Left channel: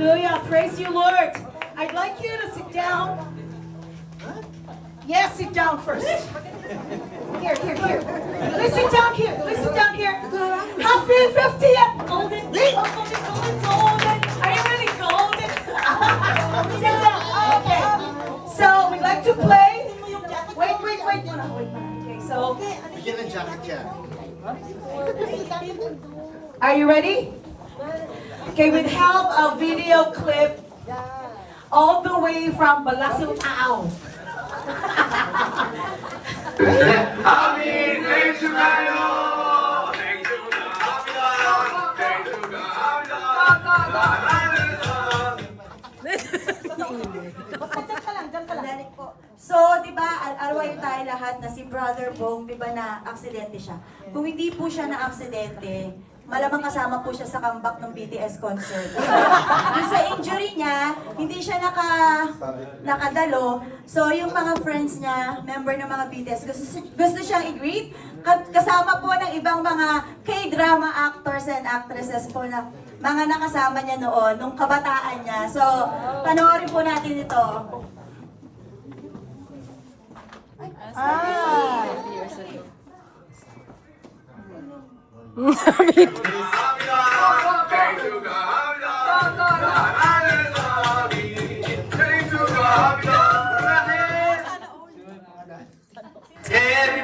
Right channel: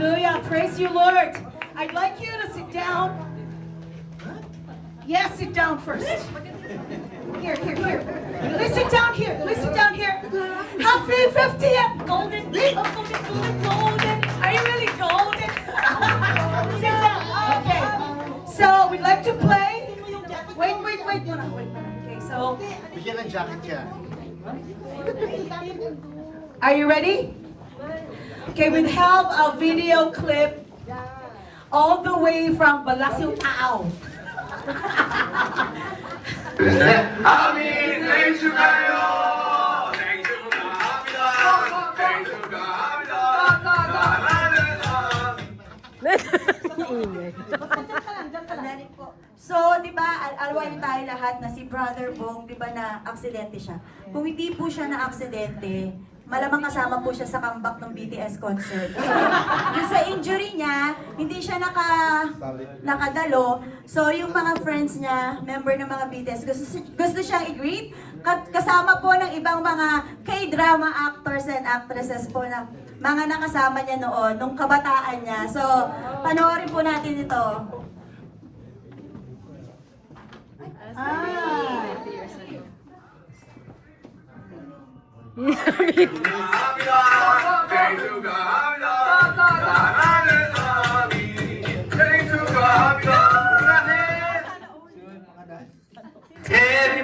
Hallelujah. Praise you, Lord. I'd like you to sit down. Yes, sit down first. Here. Please sit down here. Happy 50th. Golden. Are you really golden? Sit down. Okay. So, we'd like to play. Wait. Okay, so. Bigyan ng jacket yan. Are you ready? Okay, we have a video clip all the way from Balasang Tao. Happy thank you kayo! Thank you So, di ba, alwayo tayo lahat na si Brother Bong, di ba na aksidente siya. Kung hindi po siya na aksidente, malamang kasama po siya sa comeback ng BTS concert. Yung sa injury niya, hindi siya nakadalo. So, yung mga friends niya, member ng mga BTS, gusto siyang i-greet. Kasama po ng ibang mga K-drama actors and actresses po na mga nakasama niya noon, nung kabataan niya. So, panoorin po natin ito. Happy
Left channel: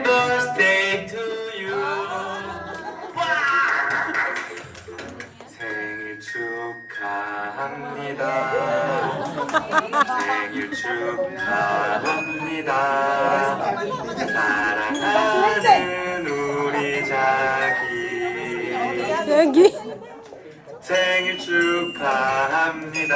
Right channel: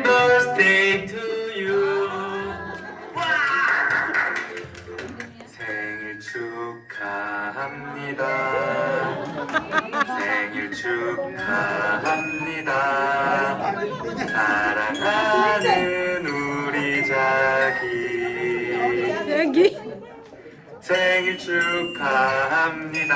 birthday to you. 생일 축하합니다. 생일 축하합니다. 사랑하는 우리 자기. 생일 축하합니다.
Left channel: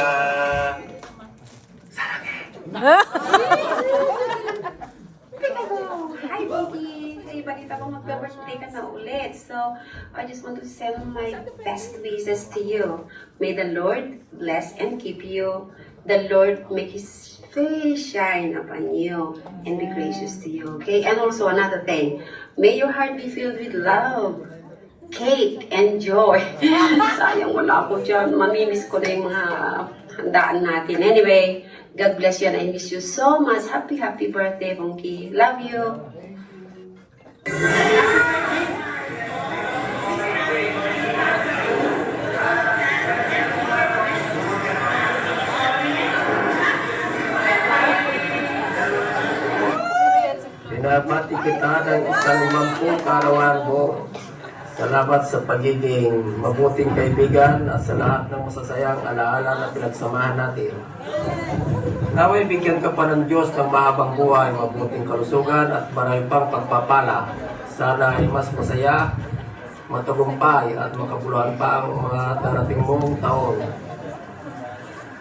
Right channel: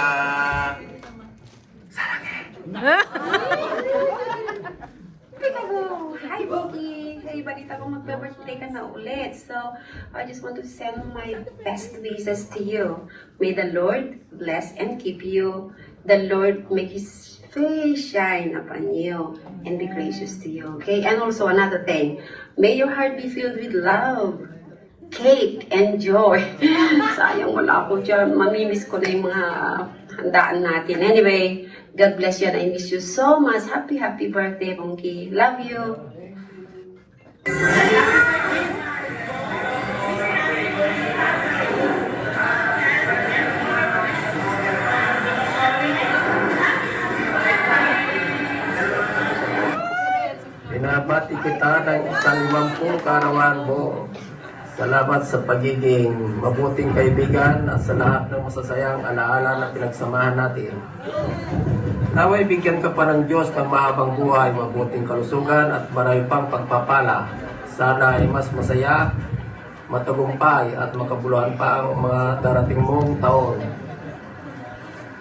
Hi, Biggie! Hey, balita ko magbe-birthday ka na ulit. So, I just want to send my best wishes to you. May the Lord bless and keep you. The Lord make His face shine upon you and be gracious to you. Okay? And also another thing, may your heart be filled with love, cake, and joy. Sayang wala ako dyan. Mamimiss ko na yung mga handaan natin. Anyway, God bless you and I miss you so much. Happy birthday, Bongki. Love you. Binabati kita ng ika-50 kaarawan mo. Salamat sa pagiging mabuting kaibigan at sa lahat ng masasayang alaala na pinagsamahan natin. Naway bigyan ka pa ng Diyos ng mahabang buhay, mabuting kalusugan at marami pang pagpapala. Sana ay mas masaya, matagumpay at makabuluhan pa ang mga darating mong taon.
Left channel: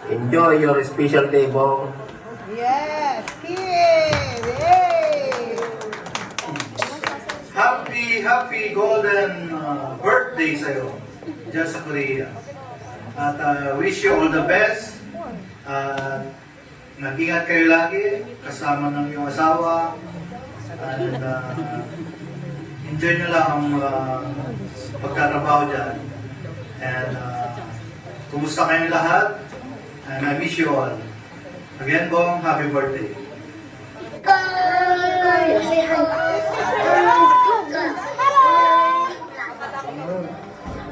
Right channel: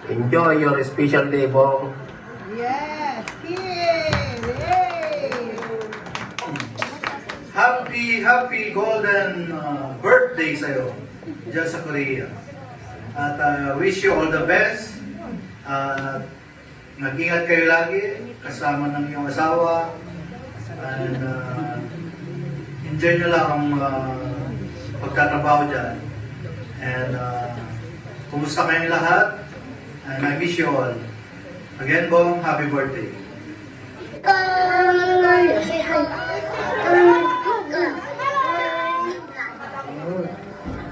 Enjoy your special day, Bong. Yes, yay! Happy golden birthday sa'yo dyan sa Korea. At wish you all the best. Nag-ingat kayo lagi kasama ng iyong asawa. And enjoy nyo lang ang pagtatrabaho dyan. And kumusta kayong lahat? And I wish you all. Again, Bong, happy birthday.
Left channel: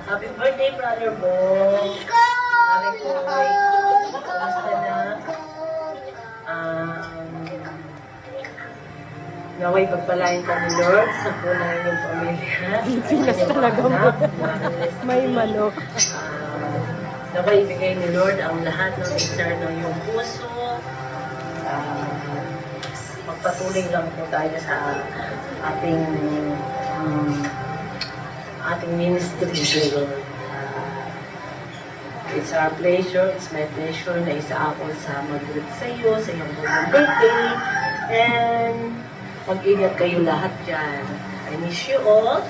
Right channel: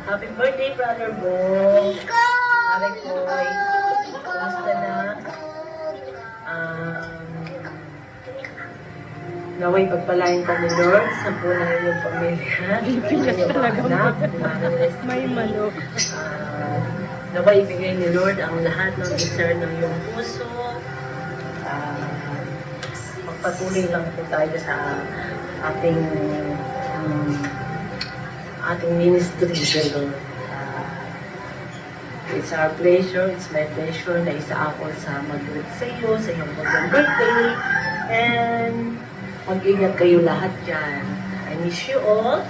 Happy birthday, Brother Bong. Mare Koy. Kumusta na? Naway pagpalain ka ni Lord sa punay yung pamilya. Pilipinas talaga mo. May manok. Naway ibigay ni Lord ang lahat ng desire ng iyong puso. Magpatuloy lang po tayo sa ating ministry. It's our pleasure, it's my pleasure na isa ako sa mag-greet sa iyo, sa iyong birthday. And mag-ingat kayo lahat dyan. I miss you all.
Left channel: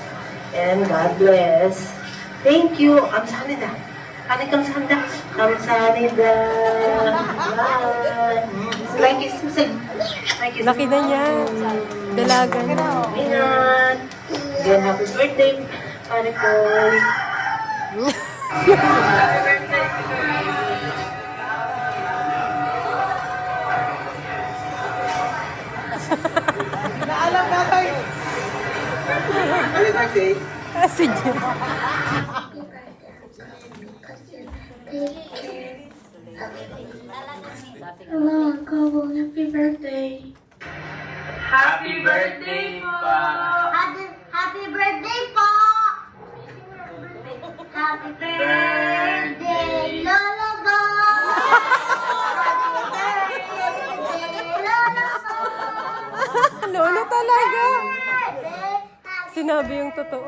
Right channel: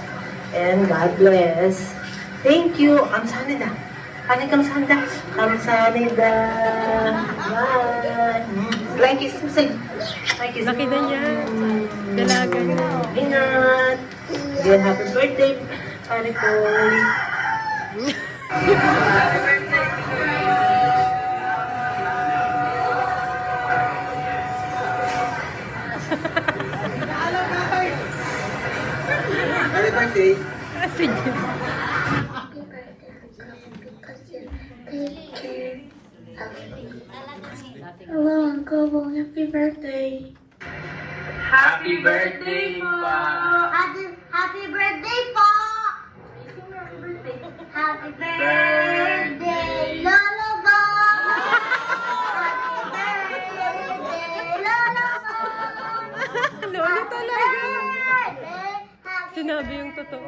And God bless. Thank you. Kamsahamnida. Kamsahamnida. Kamsahamnida. Bye. Like is Laki na niya. Dalaga na. Ingat. Then happy birthday. Pare ko. Happy birthday! Si Jim. Hello, Uncle. Happy birthday. Happy birthday pa! Happy birthday po! Happy birthday, Lola Bo! Happy birthday, Lola Bo! Lolo talaga. Happy Sinabi yung totoo.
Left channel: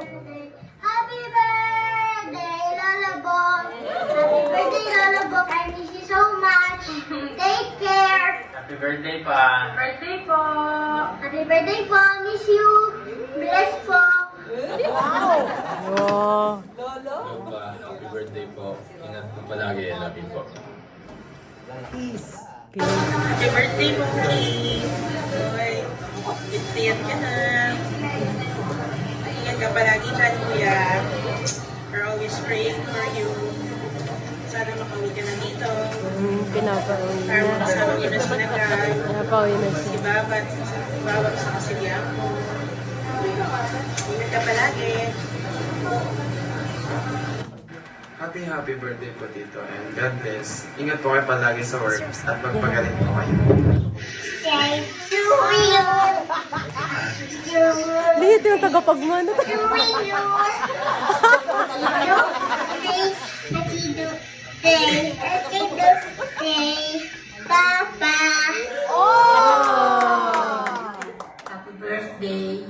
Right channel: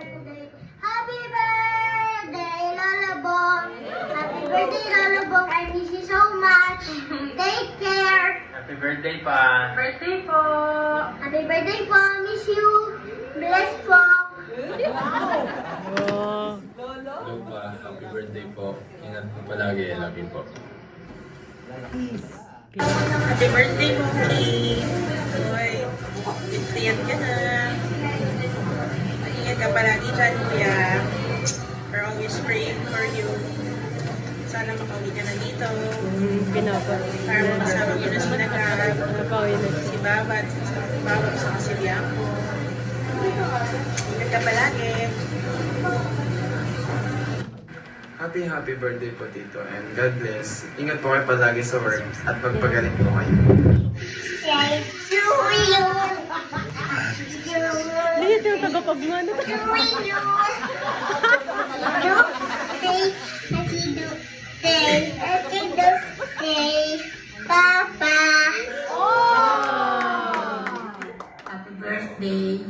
Happy birthday, Lola Bo! Happy birthday, Lola Bo! I miss you so much. Take care. Happy birthday pa! Birthday po! Happy birthday po! Miss you! Bless po! Oh. Happy birthday po. Ingat po palagi. Love you po. Happy birthday, Mookie! Ay, tiyat ka na. Ingat ka palagi dyan, kuya. We're always praying for you. Sana makauwi ka na dito. Pinapauwi Para na. makasama mo na sila guys. Pinapauwi na siya. Diba? Bawat sa kasilya mo. Ingat ka palagi. Happy birthday po Tito and God bless. Ingat po kayo palagi sa work at magpagaling po kayo. Thank you! Dito yung tagapagmano. Hey, Papa! Happy birthday.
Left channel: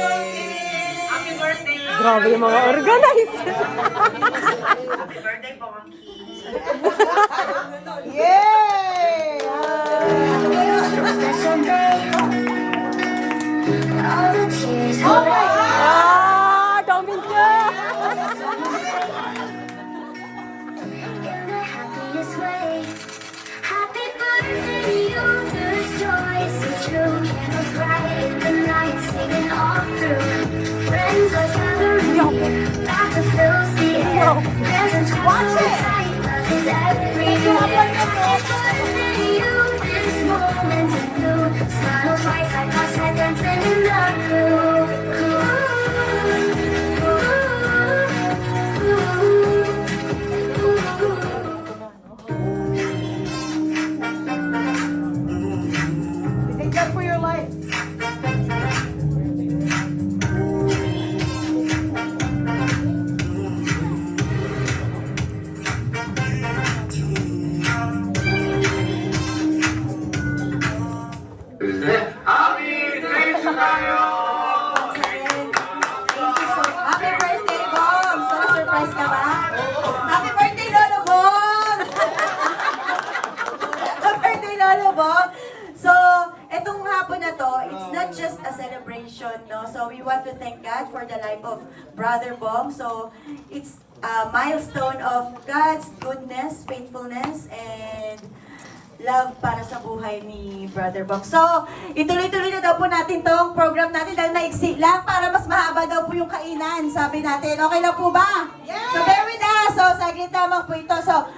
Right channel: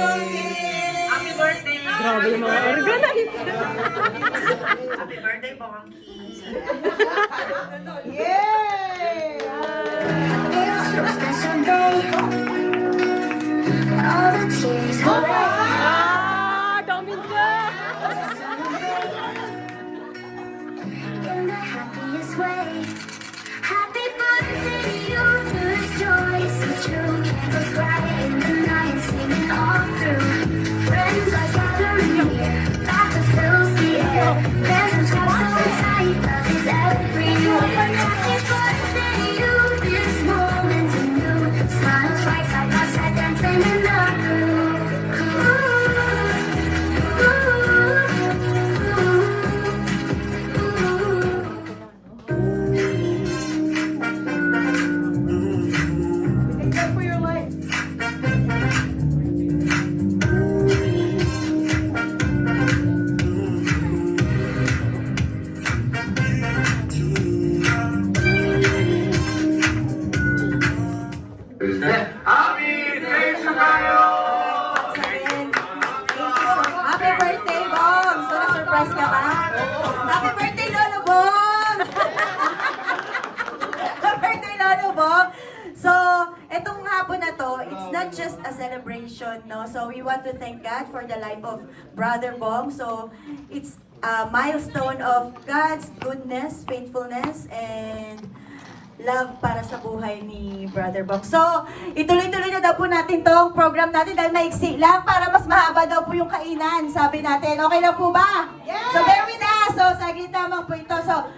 Happy birthday! Grabe yung mga organize. Happy birthday, Mookie! Yay! Special day. All the tears Ah, Domin siya. in the happiest way. Happy birthday to you, there's joys and true. Candles bright in the night, singing all through. Friends are gathering, laughter fills the air. Presents are so tight, love is everywhere. Happy birthday to you, this moment anew. Smiles rise like our seconds in the crew. Thank God for your life. Happy birthday, Bong! So, surprise ka ba? Happy birthday, Lolo Bong! Happy birthday, Lolo Bong! So, etong hapon na to, it's not just a celebration, no? So, we want to thank God for the life of Brother Bong. So, it's a milestone of God's goodness, faithfulness, and love para sa buhay ni Brother Bong. So, ituloy-tuloy na daw po natin tong program natin dahil maiksi lang para mas mahaba daw po yung kainan, sabi natin. Okay na po ba? So, bear with us. So, saglit naman po ito. So,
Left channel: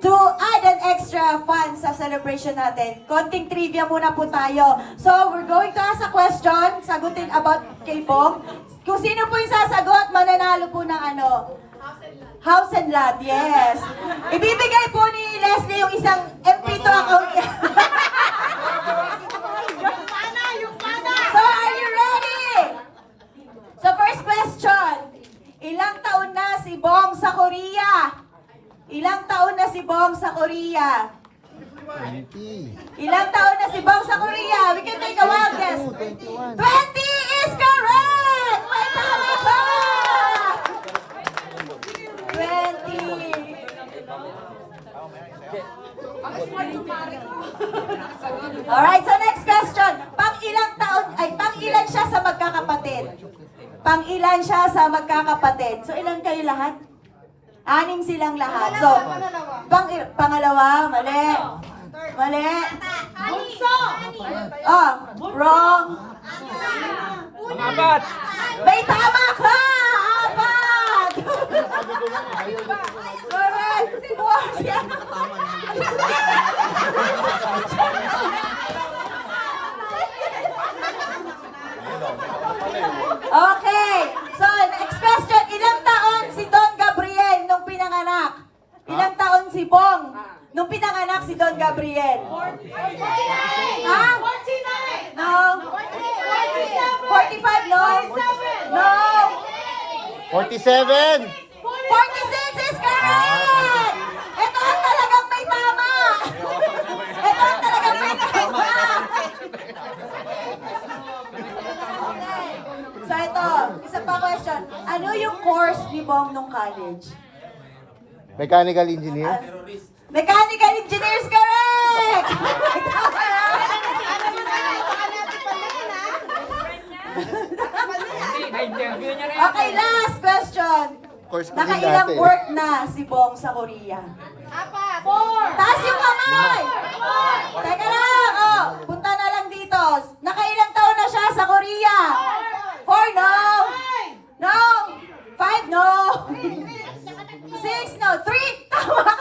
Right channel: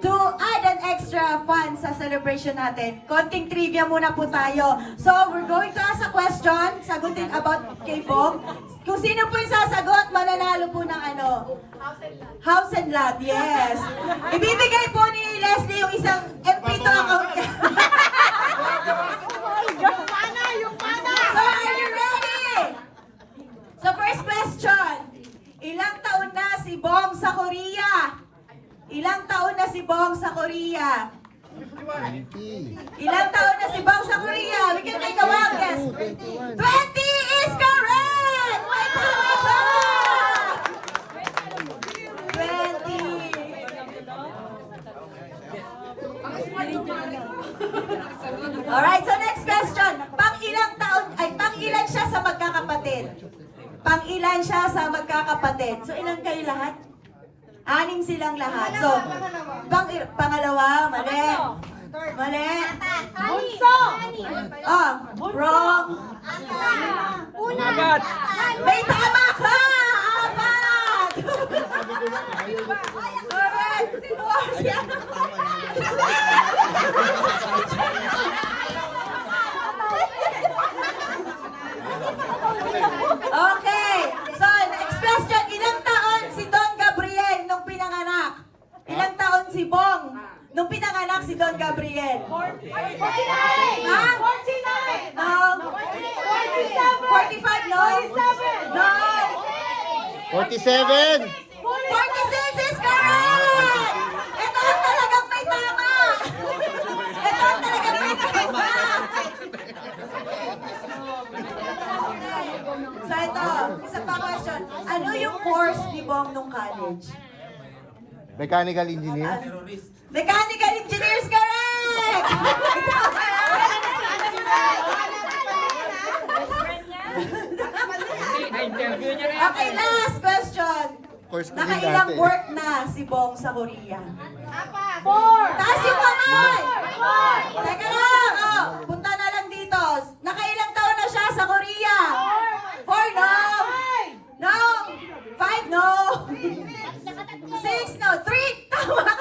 to add an extra fun sa celebration natin, konting trivia muna po tayo. So, we're going to ask a question, sagutin about kay Bong. Kung sino po yung sasagot, mananalo po ng ano? House and Lot, yes. Ibibigay po ni Leslie yung isang MP2 account. Yung pana! So, are you ready? So, first question. Ilang taon na si Bong sa Korea? Ilang taon na si Bong sa Korea? Ilang taon na si Bong sa Korea? We can take a wild guess. 20 is correct! May tama ba? 20. Alright, so next question. Pang-ilan siya sa magkakapatid? Pang-ilan siya sa magkakapatid? So, ilan kayo lahat? 6 silang lahat. So, pangalawa, mali. Mali. Bunso! Oh, wrong. May tama ka! Apat! Correct! Four. Okay. So, next question. Ilang taon si Don Gabriel nung pinanganak? Ilang taon si Bong nung pinanganak si Don Gabriel? 49! Ha? 49! No. 47! 45, no? 47! No. 47! 46 is correct! Ito ang talagang may tama! Ito ang talagang may tama! Okay. So ito, isa pa question. Ano yung course ni Bong nung college? Mechanical engineer? Mechanical engineers, correct! Okay, last question. Course ko din Nakailang dati. work na si Bong sa Korea? 4! Taas yung kamay! 4! Teka lang, oh, punta na lang dito. Nakailang taon na siya sa Korea? 4, no? No! 5, no? 6, no? 3, tama ka!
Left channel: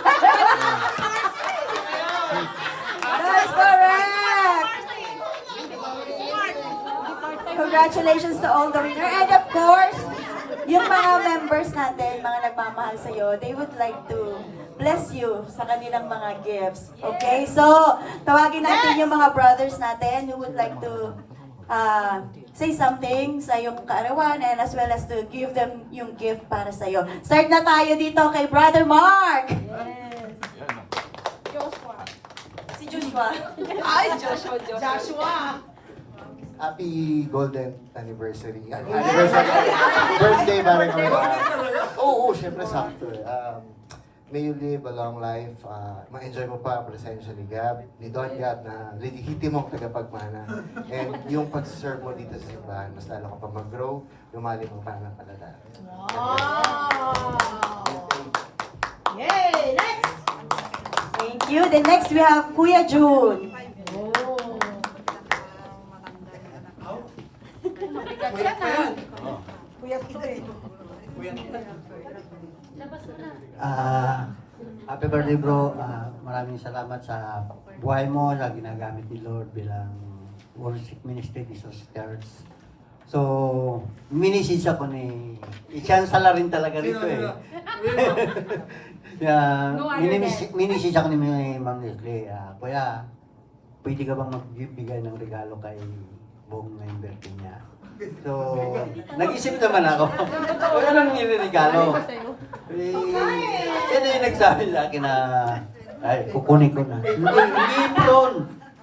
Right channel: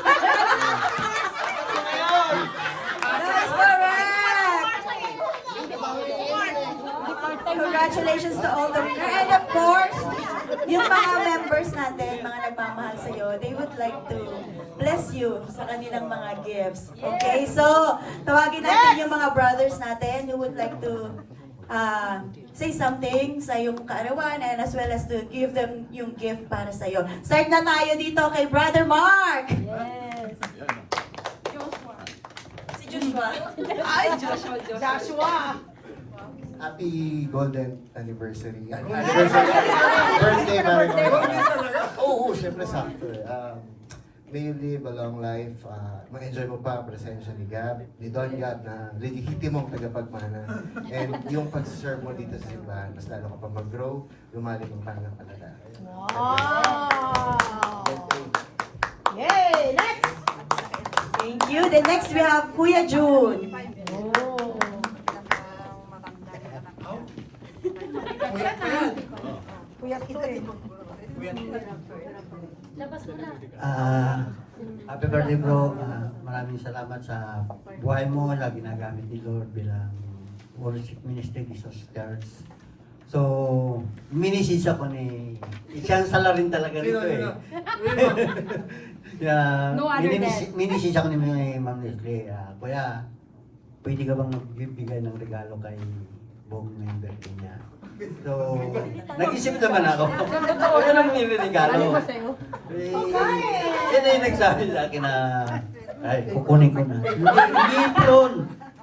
That's correct! Congratulations to all the winner. And of course, yung mga members natin, mga nagmamahal sa'yo, they would like to bless you sa kanilang mga gifts. Okay? So, tawagin natin yung mga brothers natin who would like to say something sa iyong kaarawan and as well as to give them yung gift para sa'yo. Start na tayo dito kay Brother Mark! Si Joshua. Ay, Joshua. Joshua! Happy golden anniversary. Birthday ba rin? Oo, syempre sakto. May you live a long life. Ma-enjoy mo pa ang presensya ni Gab, ni Don Gab na lehitimong tagapagmana. And yung pag-serve mo dito sa simbahan, mas lalo ka pa mag-grow, lumalim ang pananampalataya. Wow! Yay! Next! Thank you. The next we have Kuya June. Oh. Puyat pa yan. Puyat to eh. Happy birthday bro. Maraming salamat sa buhay mo na ginagamit ni Lord bilang worship ministry ni Jesus Church. So, minisis ako ni... Chancellor rin talaga rito eh. Minisis ako ni Ma'am Leslie. Kuya, pwede ka bang magbibigay ng regalo kay buong member niya? So, nag-isip naman ako. Huwag ka nang regalo. Yan yung nagsabi sa akin na, ay, kukunin ko na.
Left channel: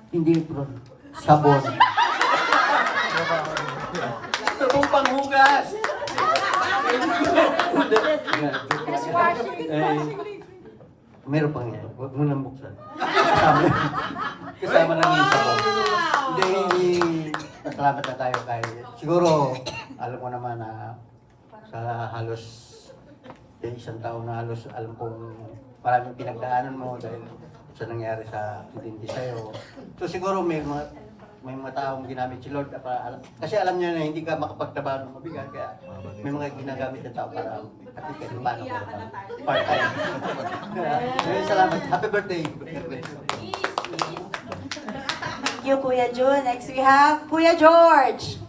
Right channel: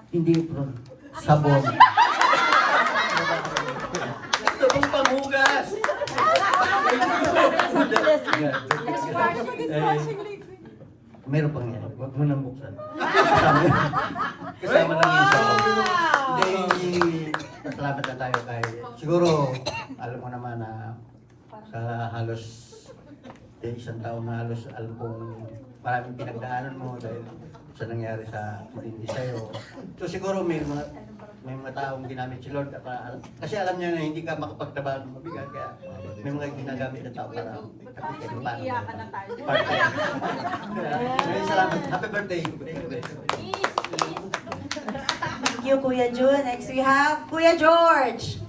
Hindi prawn. Sabon. Sabon panghugas. Meron pang yan. Huwag mo nang buksan. Kasama lang yung sabon. Hindi, salamat na tayo kay... Siguro, alam mo naman na sa halos isang taon na halos alam kong maraming pinagdaanan mo dahil sa nangyari sa aksidente sa'yo. So siguro may mga taong ginamit si Lord kasi alam niya na hindi ka makapagtrabaho ng mabigat kaya may mga ginagamit na tao para kapit kayo paano mo part-time. Salamat. Happy birthday. Thank you, Kuya June. Next we have Kuya George.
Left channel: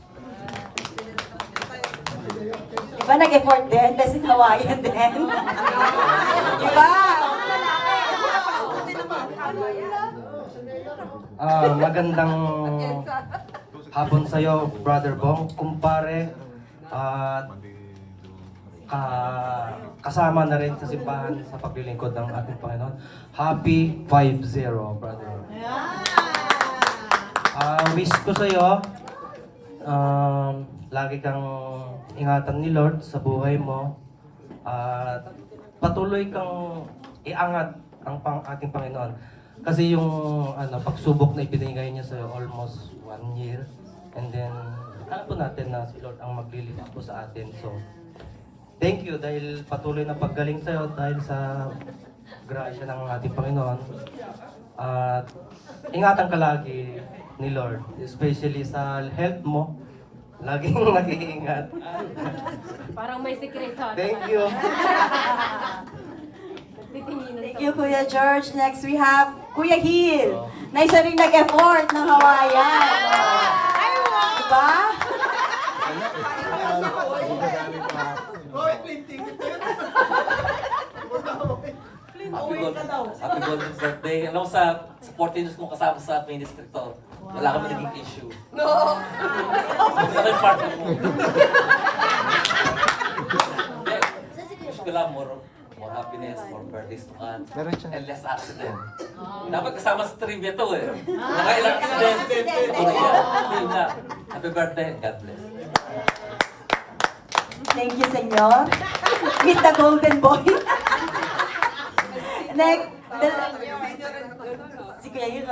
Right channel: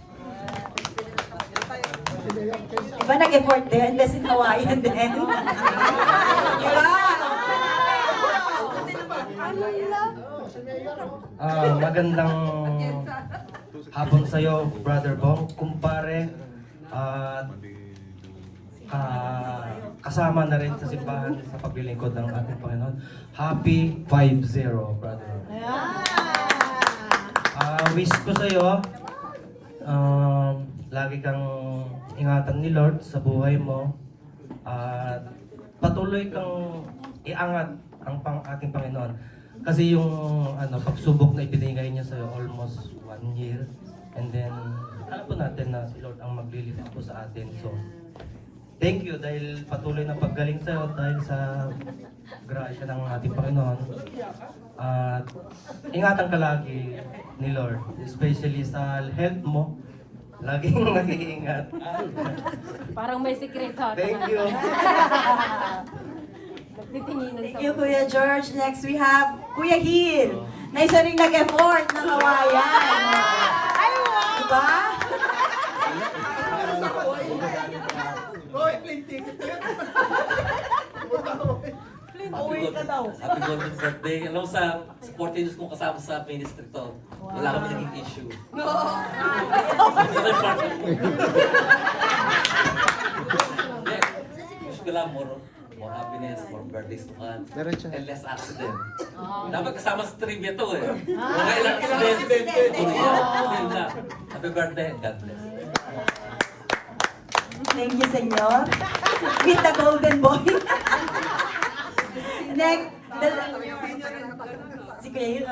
Diba nag-effort din? Kasi Hawaiian din. Diba? Magandang hapon sa'yo, Brother Bong, kumpare, at kasama na rin sa simbahan sa paglilingkod ng ating Panginoon. Happy 5-0, brother. Wish ko sa'yo, lagi kang ingatan ni Lord sa buhay mo at patuloy kang iangat ang ating Panginoon. Kasi yung pagsubok na ibinigay niya sa almost 1 year and then alam po natin na si Lord ang maglilift po sa atin. So thank you dahil patuloy na paggaling sa iyo dahil sa grasya ng ating Panginoon. At ingatan ka lagi ni Lord, especially sa health mo. Laging nag-iingat. Parang may secret ha. Thank you. Thank you, Kuya George. Next, we have Kuya Hil, na isa rin nag-effort ng Hawaiian. Ay, wow! Diba? Pauwi ka daw. Happy Golden Birthday. Alam mo sa 14 years kong kasama sa ministry to, wala kami naging issue. No! Sabi kami partner mo. Wish ko lang more happiness, more birthdays to come, and less accident. Dapat kasama sa trivia to eh. Mga ilang accident sa Korea. Yun na. Happy birthday and God bless. Thank you, senyor. Meet the golden boy. Next, si Kuya Hil.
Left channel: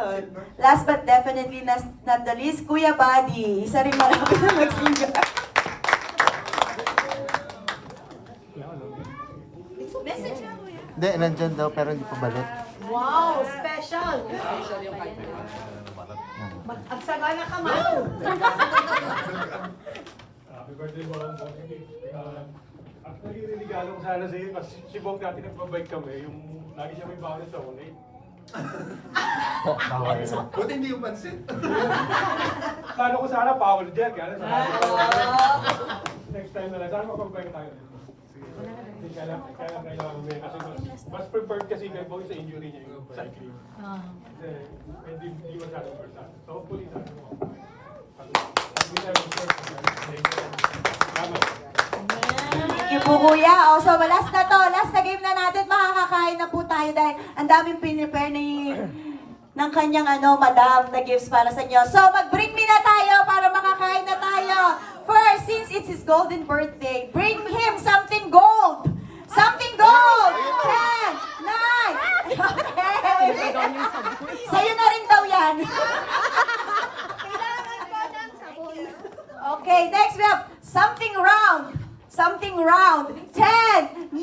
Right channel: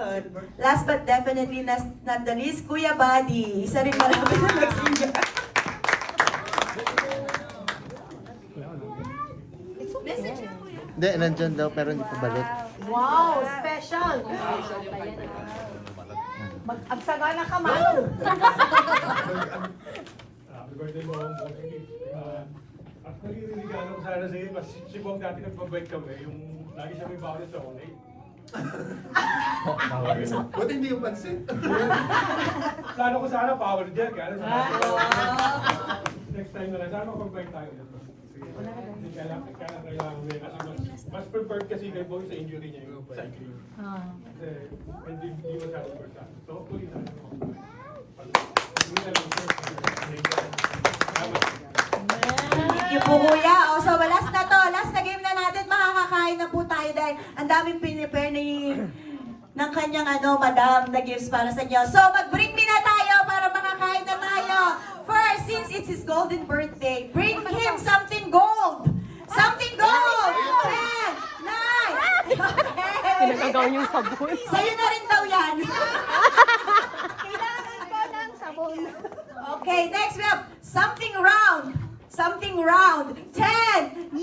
Last but definitely not the least, Kuya Buddy. Isa rin malapit na mag-singer. It's okay. Hindi, nandyan daw pero hindi pa balik. Wow, special. Mag-agsagana ka, Manu. Happy birthday, Bong. Actually, regalo ko sana sa'yo. Mas si Bong dati nagbabike kami. Yung lagi siya may bawal sa chocolate. Buti hindi yung pansin. Sana ko sana power jack. Next time na lang. Sana mag-bike tayo. Sige. Hindi kailangan uwi. Kasi mas prepared kasi kay Bong sa injury niya yung cycling. Kasi hindi masyadong person. So hopefully sana mag-bike. Hindi na lang first. Salamat. Thank you po, Kuya. Oh, so, last na to. Last na game na natin. Makakakain na po tayo dahil ang daming pinipare ng kanyang madam na gifts para sa inyo. So, mag-bring me na tayo para makakain na tayo. First, since it's his golden birthday, bring him something gold. Something gold! 10, 9, okay. Sa'yo na rin daw yan. Okay, next we have something round. Something round. 10, 9.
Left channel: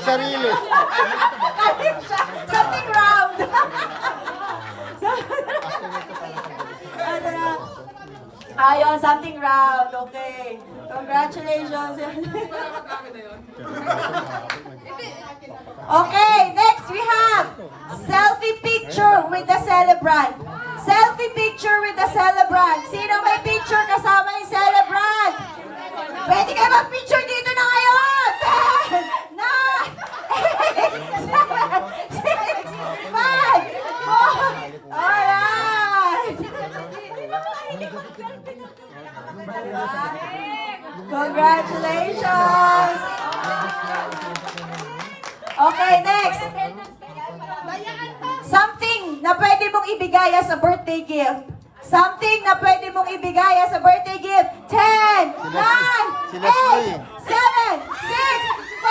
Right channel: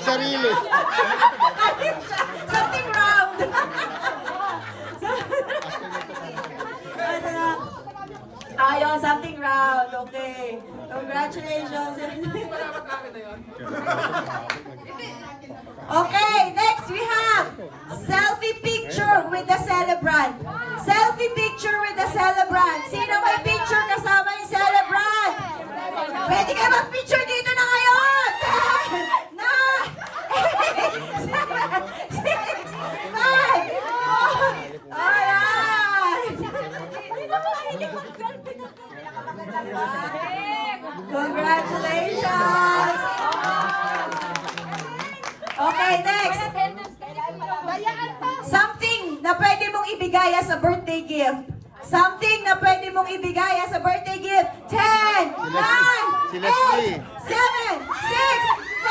Sarili. Something round. Ayun, something round. Okay. Congratulations. Okay, next we have selfie picture with the celebrant. Selfie picture with the celebrant. Sino may picture kasama yung celebrant? Pwede kayo mag-picture dito na ngayon! 10, 9, 8, 7, 6, 5, 4, alright! Congratulations! Okay, next. Something na pwede mong ibigay as a birthday gift. Something na pwede mong ibigay as a birthday gift. 10, 9, 8, 7, 6, 5.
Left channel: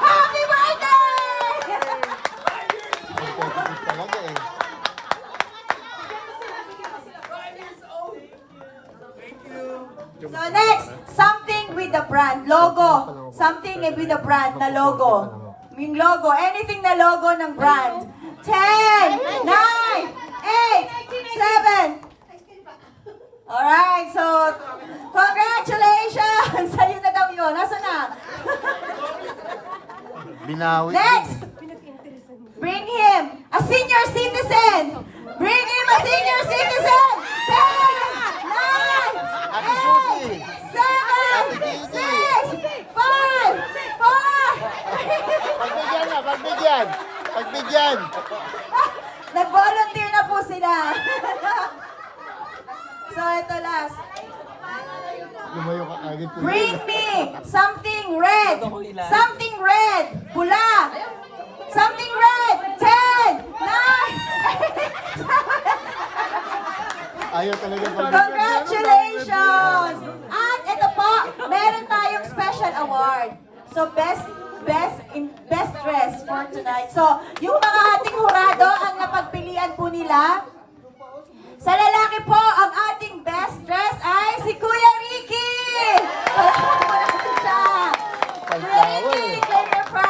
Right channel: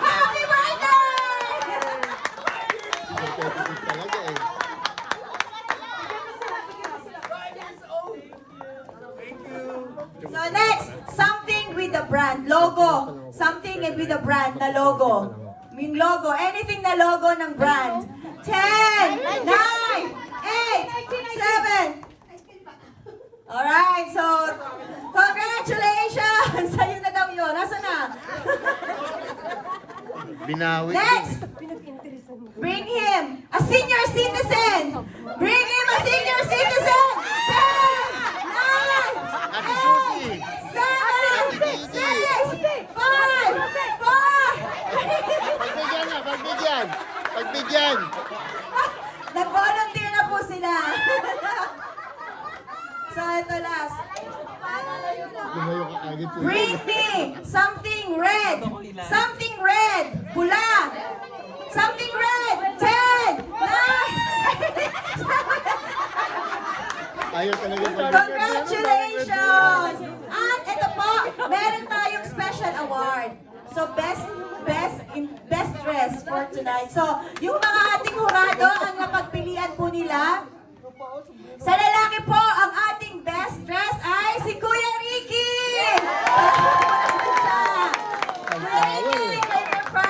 Happy birthday! Talaga eh. So next, something with the brand logo. Something with the brand na logo. Yung logo, anything na logo ng brand. 10, 9, 8, 7. Alright, so congratulations! Sa'yo na daw yun. Nasaan na? Binawi. Next, bring him a senior citizen. Bring him a senior citizen. 10, 9, 8, 7, 6, 5, 4. Pagbigyan. Pagbigyan. Nag-volunteer na po sila. So, ito last. Lumayo ka agad. Bring me something red. Something red. Pula. Something red. 10, 9, 8, 7. Ayaw talaga Congratulations! At ito po, meron tayong special award. So, best dress for tonight. So, yung mga ating hurado, ang napagpilian po nila. Sa lalaki po, ang ating best dress ay si Kuya Ricky! Kuya Ricky, we're proud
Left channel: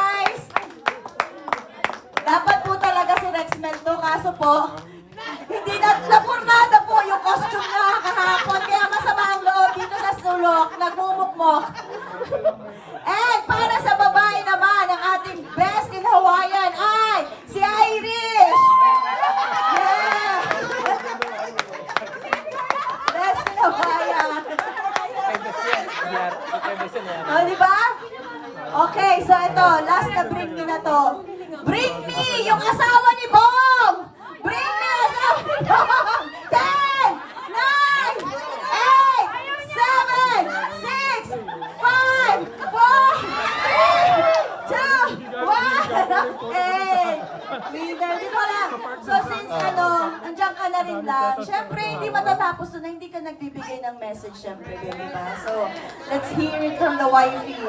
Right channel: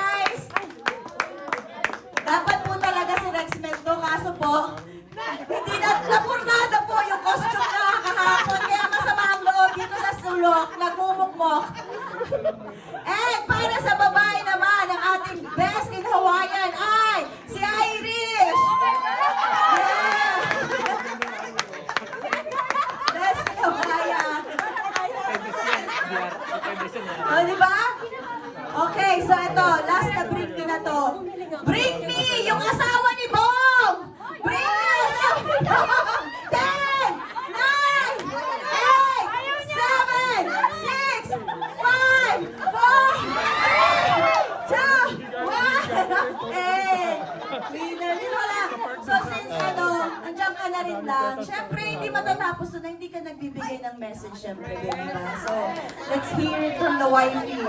So ito, last na bring me na to. Bring me yung asawa ni Bong! Bring me yung asawa ni Bong! 10, 9, 8, 7, 6, 5, 4, 3, 2, 1. Okay. Winner. Dito lang. So since nandiyan ka na rin lang, syempre hindi matatapos na hindi ka nagbibigay ng message syempre, di ba? So let's hear it from the wifey.